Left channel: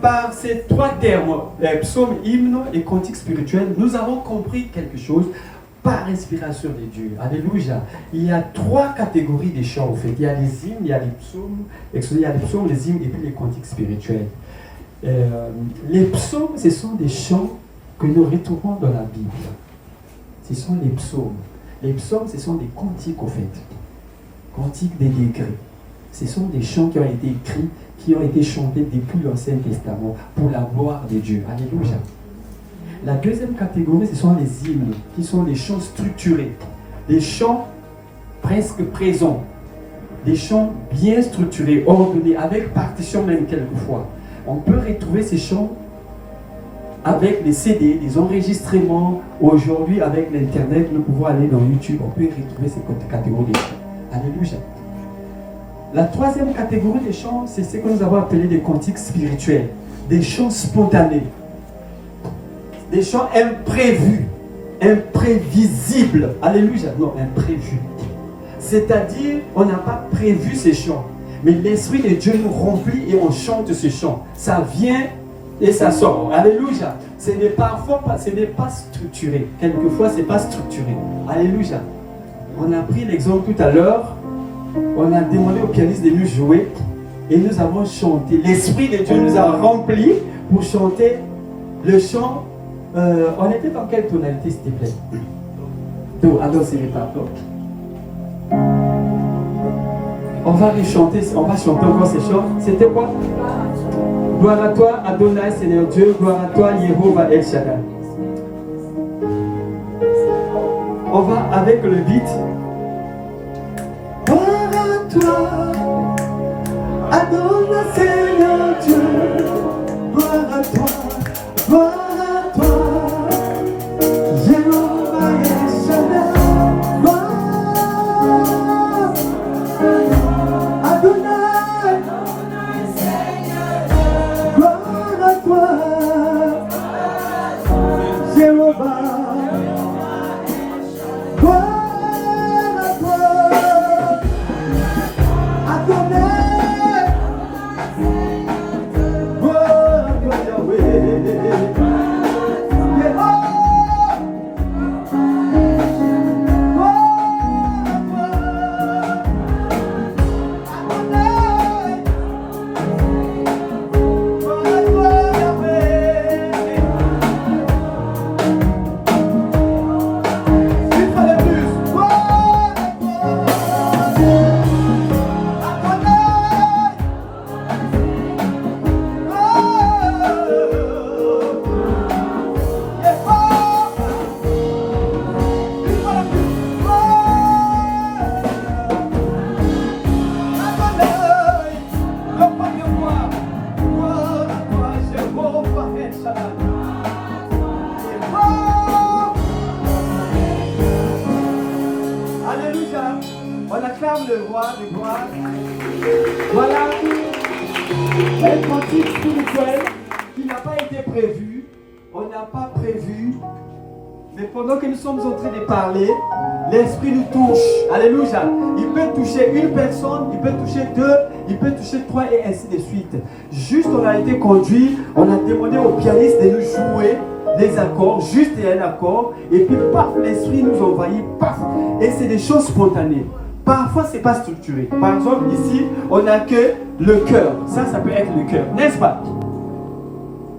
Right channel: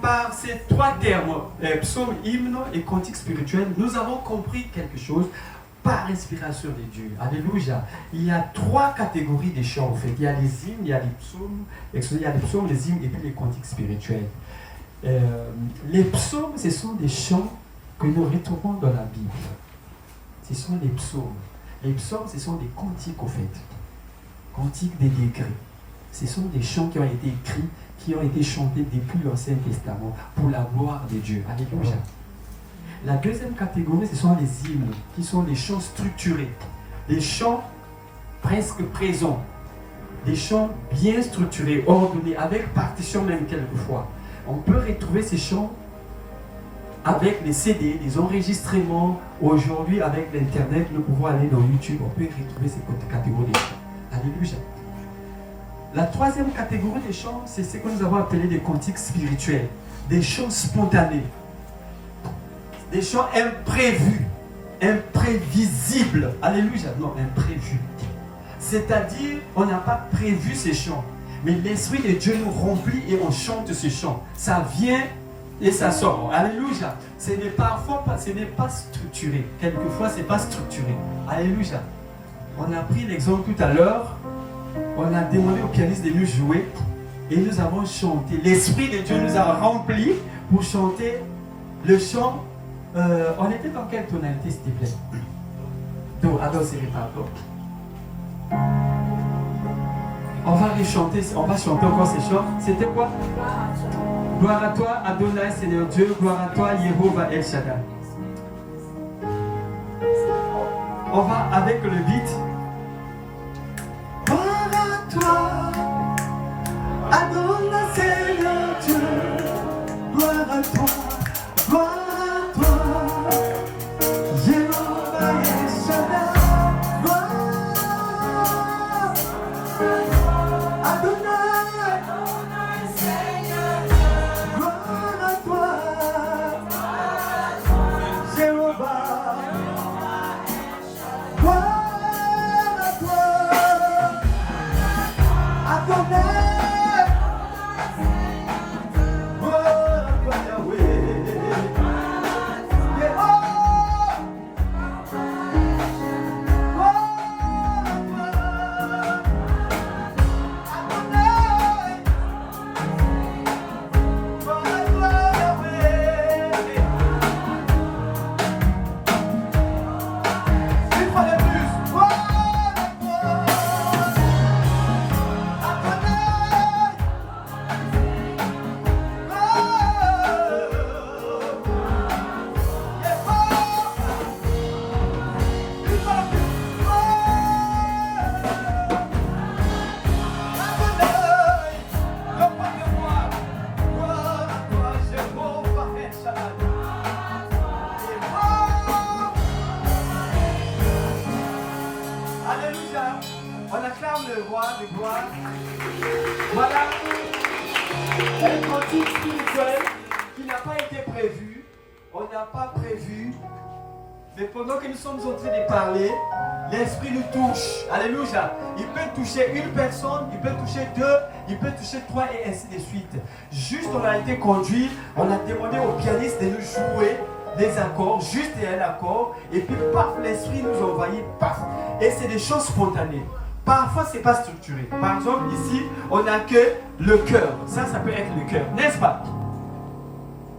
par ces trois termes, psaume, hymne et cantique spirituel, nous avons compris quelque chose par inspiration de Dieu. Alléluia. Il y a trois catégories de chants en fait. Il y a les hymnes, il y a les psaumes, les hymnes et puis les cantiques spirituels. Les psaumes, ce sont des chants que nous retrouvons dans la Bible. Ce sont les psaumes. Les psaumes, ce sont des cantiques en fait. Cantiques des degrés. Ce sont des chants qui ont été écrits, qui ont été chantés depuis l'Ancien Testament pour la gloire de Dieu. Alléluia. La deuxième catégorie, ce sont les hymnes, qui sont des chants structurés, des chants presque présents, des chants bien structurés, ordonnés, avec partition même quelquefois. On peut retrouver ces chants avec les CD, les enregistrements. Aujourd'hui, avec l'Internet, nous pouvons aller dans YouTube, on peut retrouver ces catégories de chants. Alléluia. La troisième catégorie des chants, c'est ce que nous avons appelé des cantiques spirituels, des chants spontanés. Des chants imprévus, imprévisibles. Alléluia. Non, imprévus. C'est-à-dire, on n'a pas prévu ces chants. Mais l'Esprit de Dieu nous remplit et on chante ces chants. Ça vient et ça sort. Alléluia. Ce n'est pas structuré. Quelquefois, ce n'est pas structuré. Alléluia. On a pris l'exemple tout à l'heure. On a demandé au pianiste de nous jouer. Et nous avons chanté. L'Esprit de Dieu nous a remplis pour chanter le chant. On était dans quelle tonalité, s'il te plaît? Do, alors c'est les pardon. On va chanter encore ces chants. C'était quoi? Gloire à toi, Adonai, Seigneur Dieu. Gloire à toi, Yehovah El Shaddai. On va avec le beat. Gloire à toi, Adonai, Seigneur Dieu. Gloire à toi, gloire. L'Esprit nous touche. Alléluia. Il peut toucher une personne, il peut toucher deux, il peut toucher trois et ainsi de suite. Juste on a été conduit, on a demandé au pianiste de nous jouer des accords, juste un accord, et puis paf, l'Esprit nous envahit, paf. Et c'est des choses spontanées. Parfois, ce n'est pas structuré. Par exemple, ici, on n'a que le cœur. Ça peut être le cœur, n'est-ce pas?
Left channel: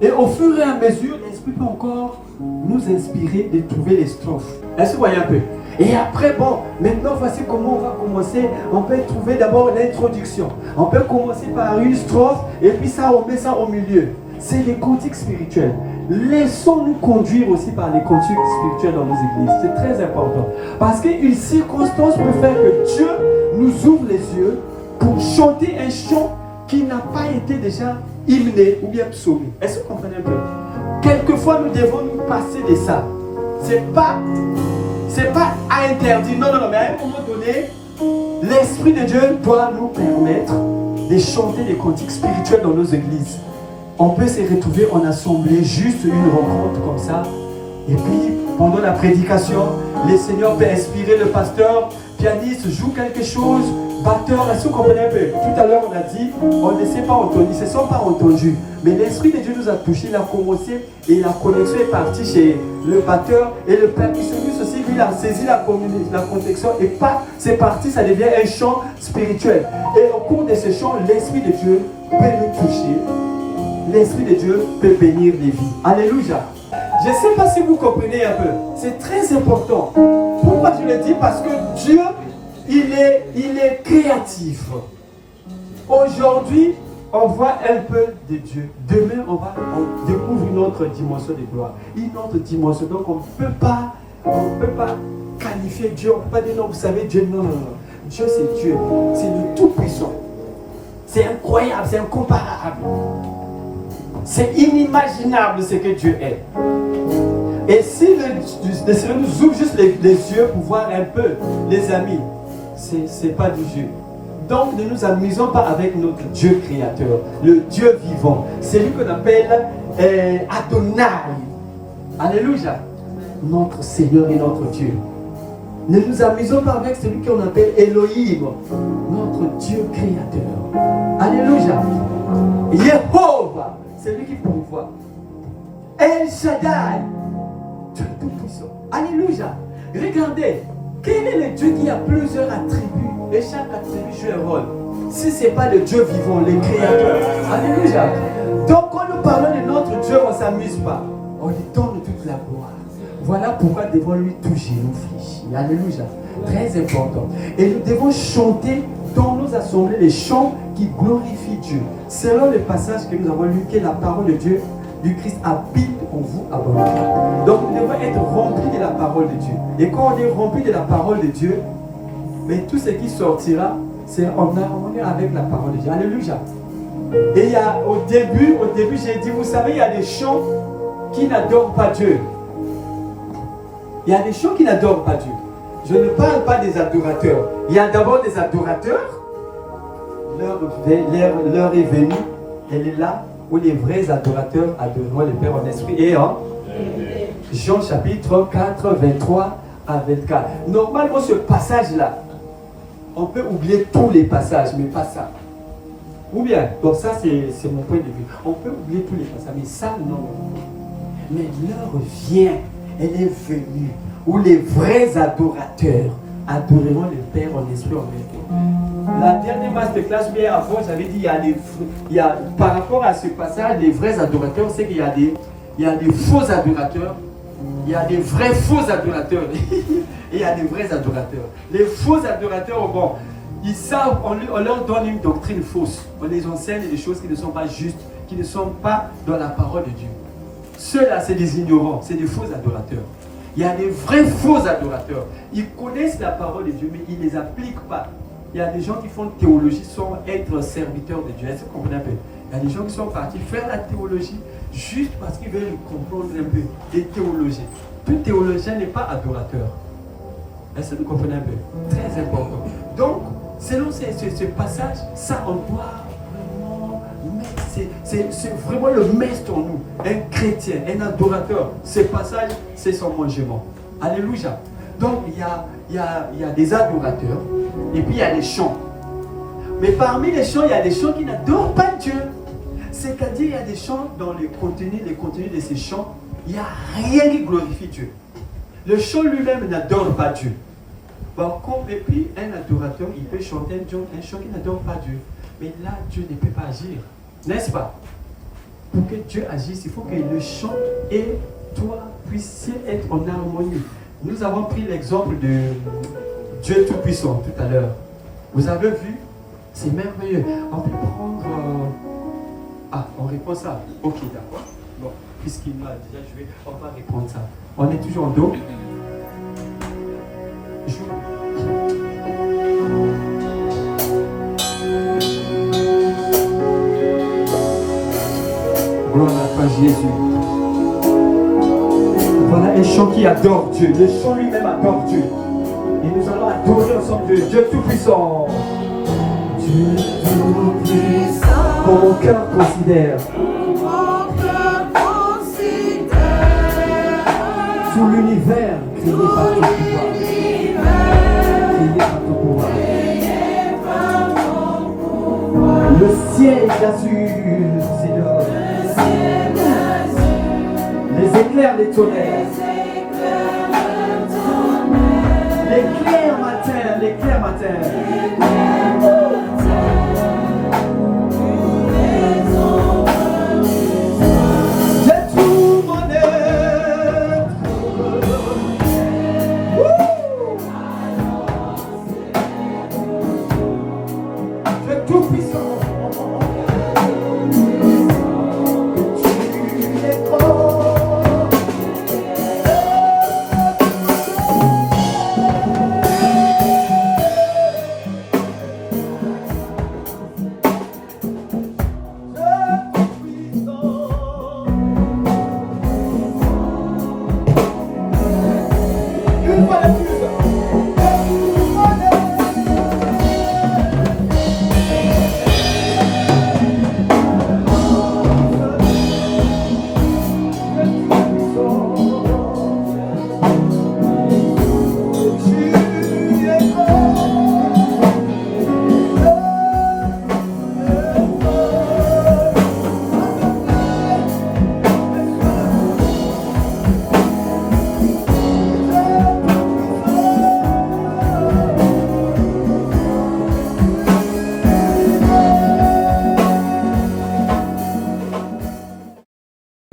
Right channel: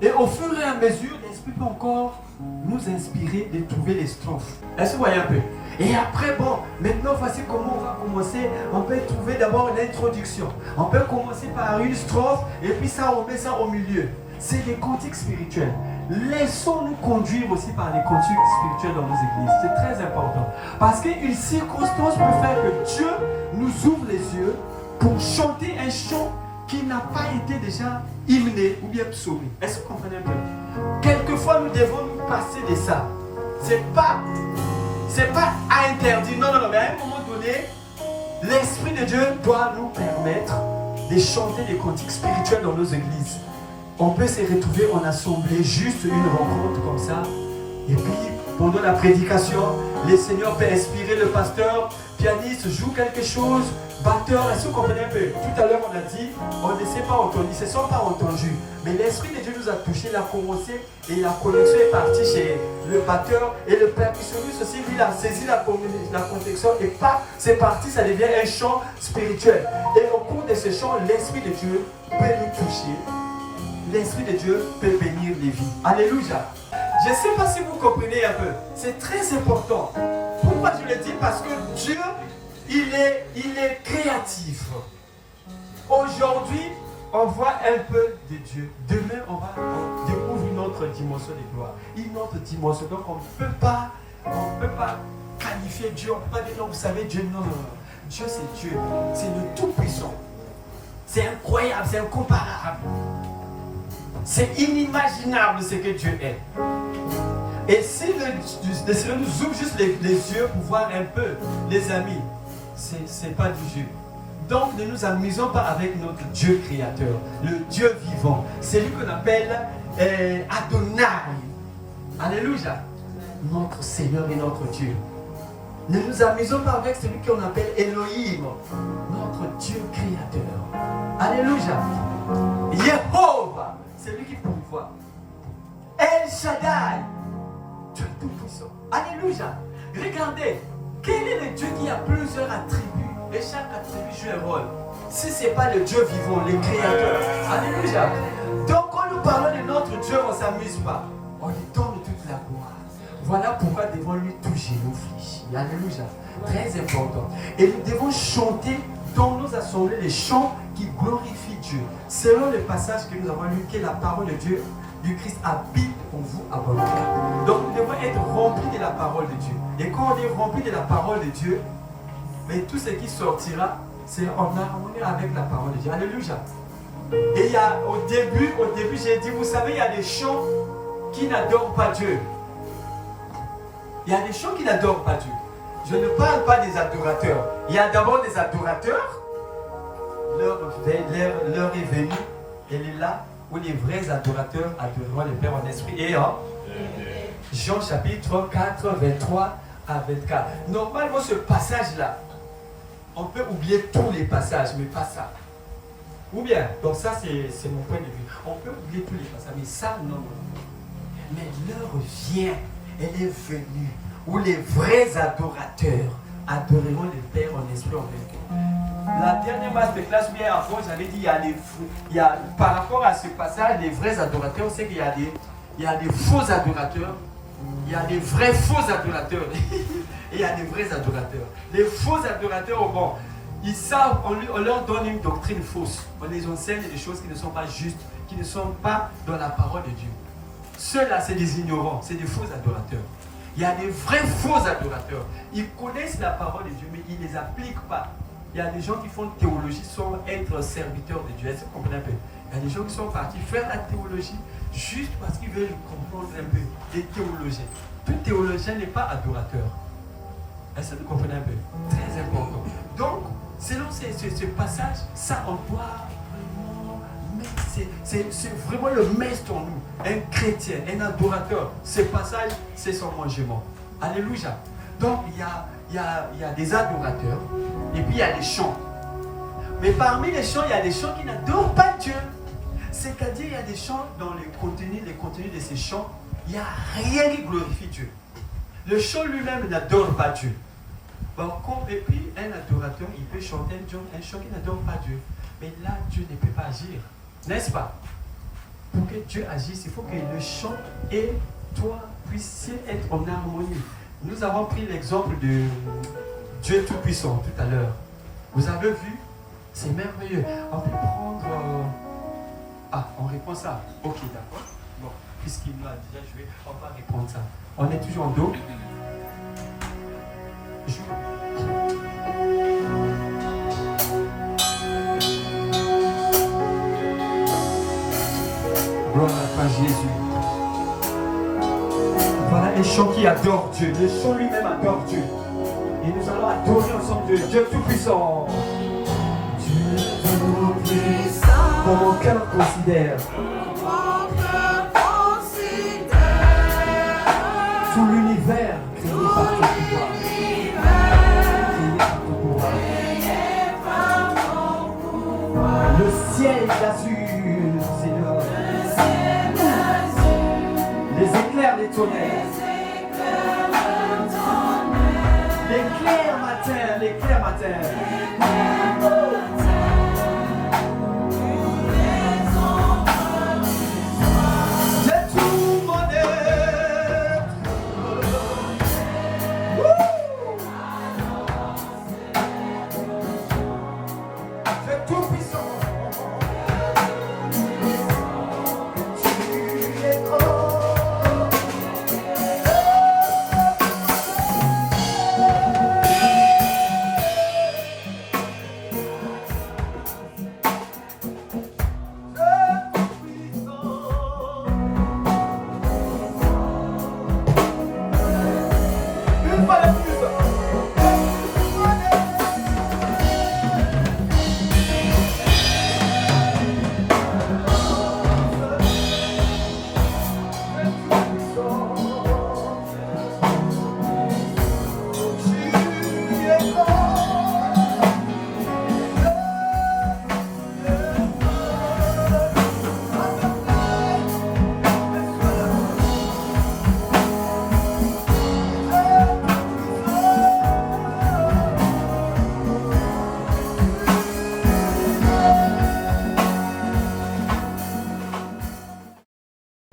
Et au fur et à mesure, l'Esprit peut encore nous inspirer de trouver les strophes. Est-ce que vous voyez un peu? Et après, bon, maintenant voici comment on va commencer. On peut trouver d'abord l'introduction. On peut commencer par une strophe et puis ça, on met ça au milieu. C'est les cantiques spirituels. Laissons-nous conduire aussi par les cantiques spirituels dans nos églises. C'est très important. Parce qu'une circonstance peut faire que Dieu nous ouvre les yeux pour chanter un chant qui n'a pas été déjà hymné ou bien psaumé. Est-ce que vous comprenez un peu? Quelquefois, nous devons nous passer de ça. C'est pas à interdire. Non, mais à un moment donné, l'Esprit de Dieu doit nous permettre de chanter des cantiques spirituels dans nos églises. On peut se retrouver en assemblée, juste une rencontre comme ça. Et puis, pendant la prédication, le Seigneur peut inspirer le pasteur pianiste joue quelque chose, batteur, est-ce que vous comprenez un peu? Tout à l'heure on a dit, on ne s'est pas entendu, ils ne se sont pas entendus. Mais l'Esprit de Dieu nous a touchés, il a commencé et la connexion est partie chez le batteur et le percussionniste aussi, lui il a saisi la connexion et pas, c'est parti, ça devient un chant spirituel. Et au cours de ce chant, l'Esprit de Dieu peut nous toucher. L'Esprit de Dieu peut bénir les vies. Alléluia. Je ne sais pas si vous comprenez un peu. C'est très important. Pourquoi je le dis? Parce que Dieu, il est créatif. Aujourd'hui, on voit un peu de Dieu. Demain, on découvre une autre dimension de gloire. Une autre dimension. Donc, on ne peut pas qualifier Dieu. On ne peut pas dire non, vous savez, Dieu, non. Dieu, c'est Dieu. C'est le Tout-Puissant. C'est incroyable, c'est incomparable. C'est inimaginable ce que Dieu est. Et si le Seigneur nous ouvre juste les yeux pour voir un peu, les amis, c'est pas du jeu. Donc ne nous amusons pas avec notre Dieu créateur, le Dieu vivant. C'est lui qu'on appelle Adonai. Alléluia. Notre Seigneur et notre Dieu. Ne nous amusons pas avec celui qu'on appelle Elohim, notre Dieu créateur. Alléluia. Jéhovah, c'est lui qui pourvoit. El Shaddai, Dieu tout-puissant. Alléluia. Regardez, quel est le Dieu qui a plusieurs attributs et chaque attribut joue un rôle? Si ce n'est pas le Dieu vivant, le créateur. Alléluia. Donc quand nous parlons de notre Dieu, on ne s'amuse pas. On lui donne toute la gloire. Voilà pourquoi nous devons lui toucher, nous fléchir. Alléluia. Très important. Et nous devons chanter dans nos assemblées les chants qui glorifient Dieu. Selon le passage que nous avons lu, que la parole de Dieu, du Christ habite en vous abondamment. Donc nous devons être remplis de la parole de Dieu. Et quand on est rempli de la parole de Dieu, mais tout ce qui sortira, c'est en harmonie avec la parole de Dieu. Alléluia. Et il y a, au début, j'ai dit, vous savez, il y a des chants qui n'adorent pas Dieu. Il y a des chants qui n'adorent pas Dieu. Je ne parle pas des adorateurs. Il y a d'abord des adorateurs. L'heure est venue. Elle est là où les vrais adorateurs adoreront le Père en esprit et en Jean chapitre 4, 23 à 24. Normalement, ce passage-là, on peut oublier tous les passages, mais pas ça. Ou bien, donc ça c'est mon point de vue. On peut oublier tous les passages, mais ça non. Mais l'heure vient, elle est venue, où les vrais adorateurs adoreront le Père en esprit en vérité. La dernière masterclass, mais avant, j'avais dit, par rapport à ce passage, les vrais adorateurs, c'est qu'il y a des faux adorateurs, il y a des vrais faux adorateurs, et il y a des vrais adorateurs. Les faux adorateurs, bon, ils savent, on leur donne une doctrine fausse, on les enseigne des choses qui ne sont pas justes, qui ne sont pas dans la parole de Dieu. Ceux-là, c'est des ignorants, c'est des faux adorateurs. Il y a des vrais faux adorateurs. Ils connaissent la parole de Dieu, mais ils ne les appliquent pas. Il y a des gens qui font théologie sans être serviteurs de Dieu. Est-ce que vous comprenez un peu? Il y a des gens qui sont partis faire la théologie juste parce qu'ils veulent comprendre un peu des théologiens. Tout théologien n'est pas adorateur. Est-ce que vous comprenez un peu? Très important. Donc, selon ce passage, ça on doit vraiment mettre, c'est vraiment le maître en nous. Un chrétien, un adorateur. Ce passage, c'est son mangement. Alléluia. Donc, il y a des adorateurs et puis il y a des chants. Mais parmi les chants, il y a des chants qui n'adorent pas Dieu. C'est-à-dire, il y a des chants dans les contenus de ces chants, il n'y a rien qui glorifie Dieu. Le chant lui-même n'adore pas Dieu. Par contre, et puis, un adorateur, il peut chanter un chant qui n'adore pas Dieu. Mais là, Dieu ne peut pas agir. N'est-ce pas? Pour que Dieu agisse, il faut que le chant et toi puissiez être en harmonie. Nous avons pris l'exemple de Dieu Tout-Puissant tout à l'heure. Vous avez vu? C'est merveilleux. On peut prendre... on répond ça. Ok, d'accord. Bon, puisqu'il m'a déjà joué, on va répondre ça. On est toujours en dos. Gloire à toi, Jésus. Voilà un chant qui adore Dieu. Le chant lui-même adore Dieu. Et nous allons adorer ensemble Dieu Tout-Puissant. Dieu Tout-Puissant. Comme mon cœur considère. Tout l'univers créé par ton pouvoir. Créé par ciel azur, Seigneur. Les éclairs des tonnerres. L'éclair matin, l'éclair matin. J'ai tout mon être. C'est tout puissant.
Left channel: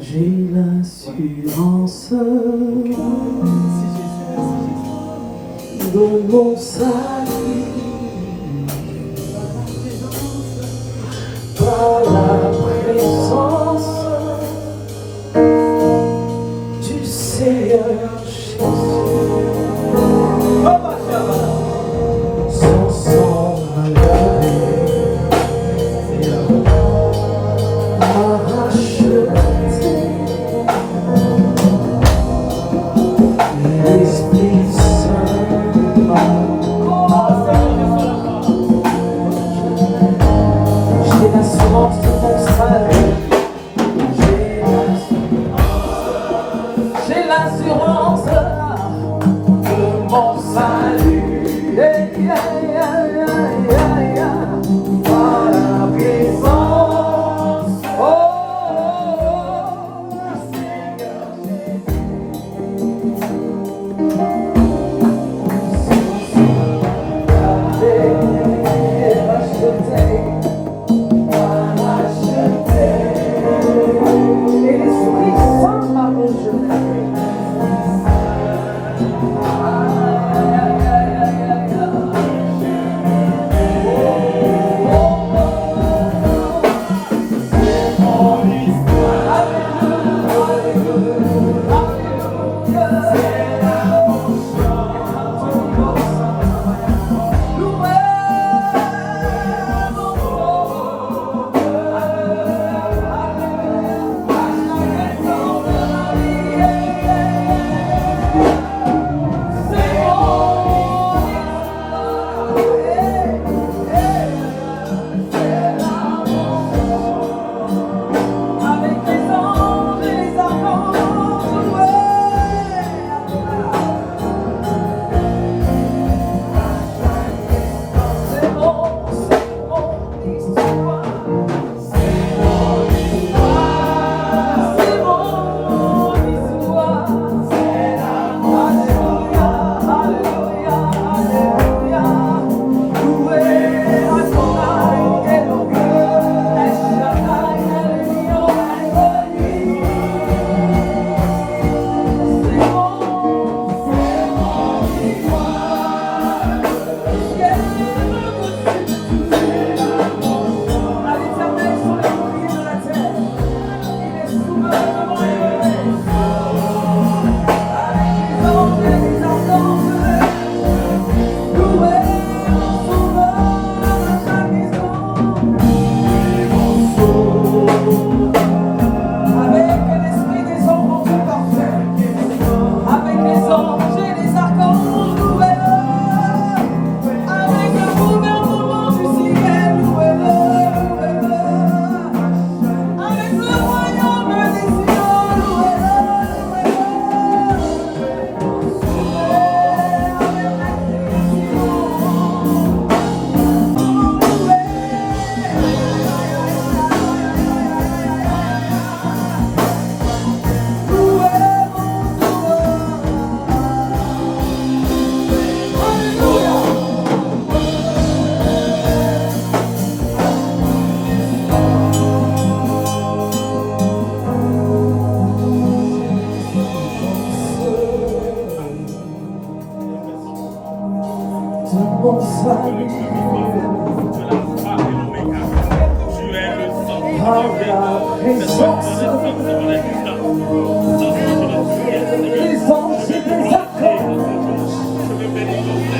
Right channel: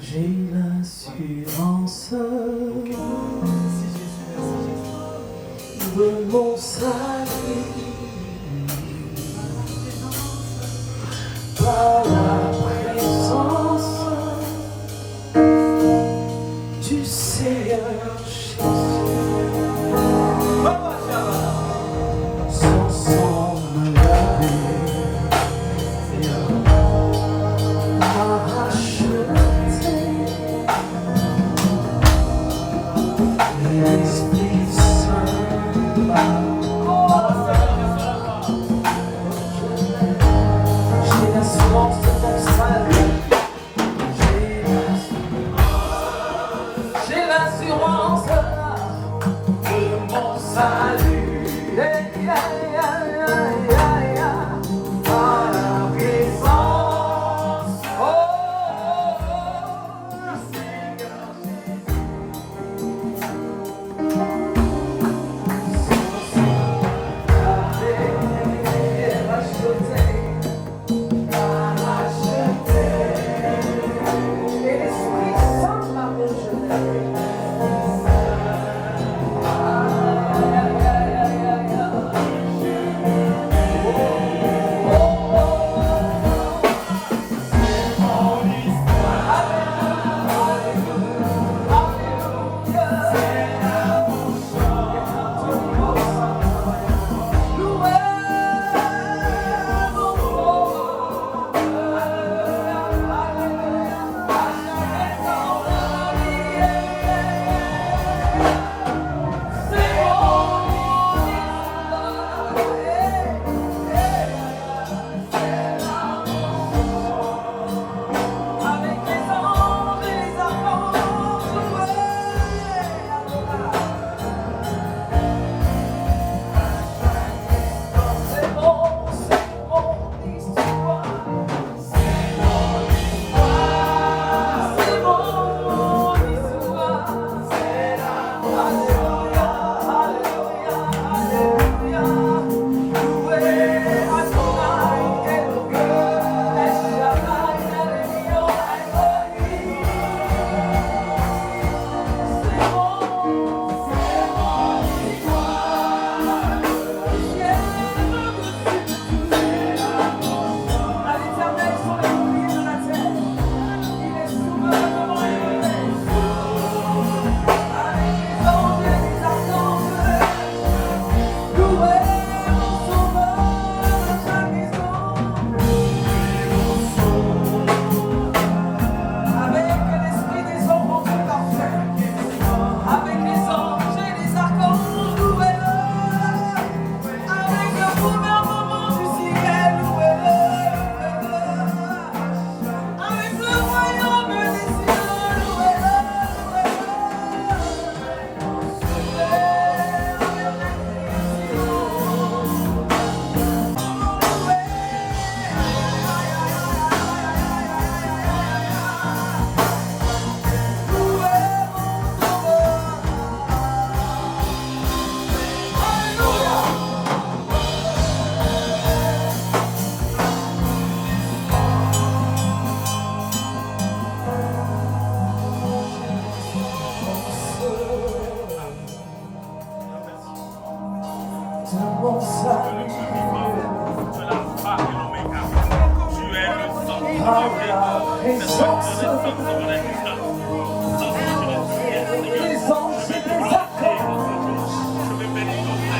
J'ai l'assurance de mon salut par la présence du Seigneur Jésus. Sans son Je veux bénir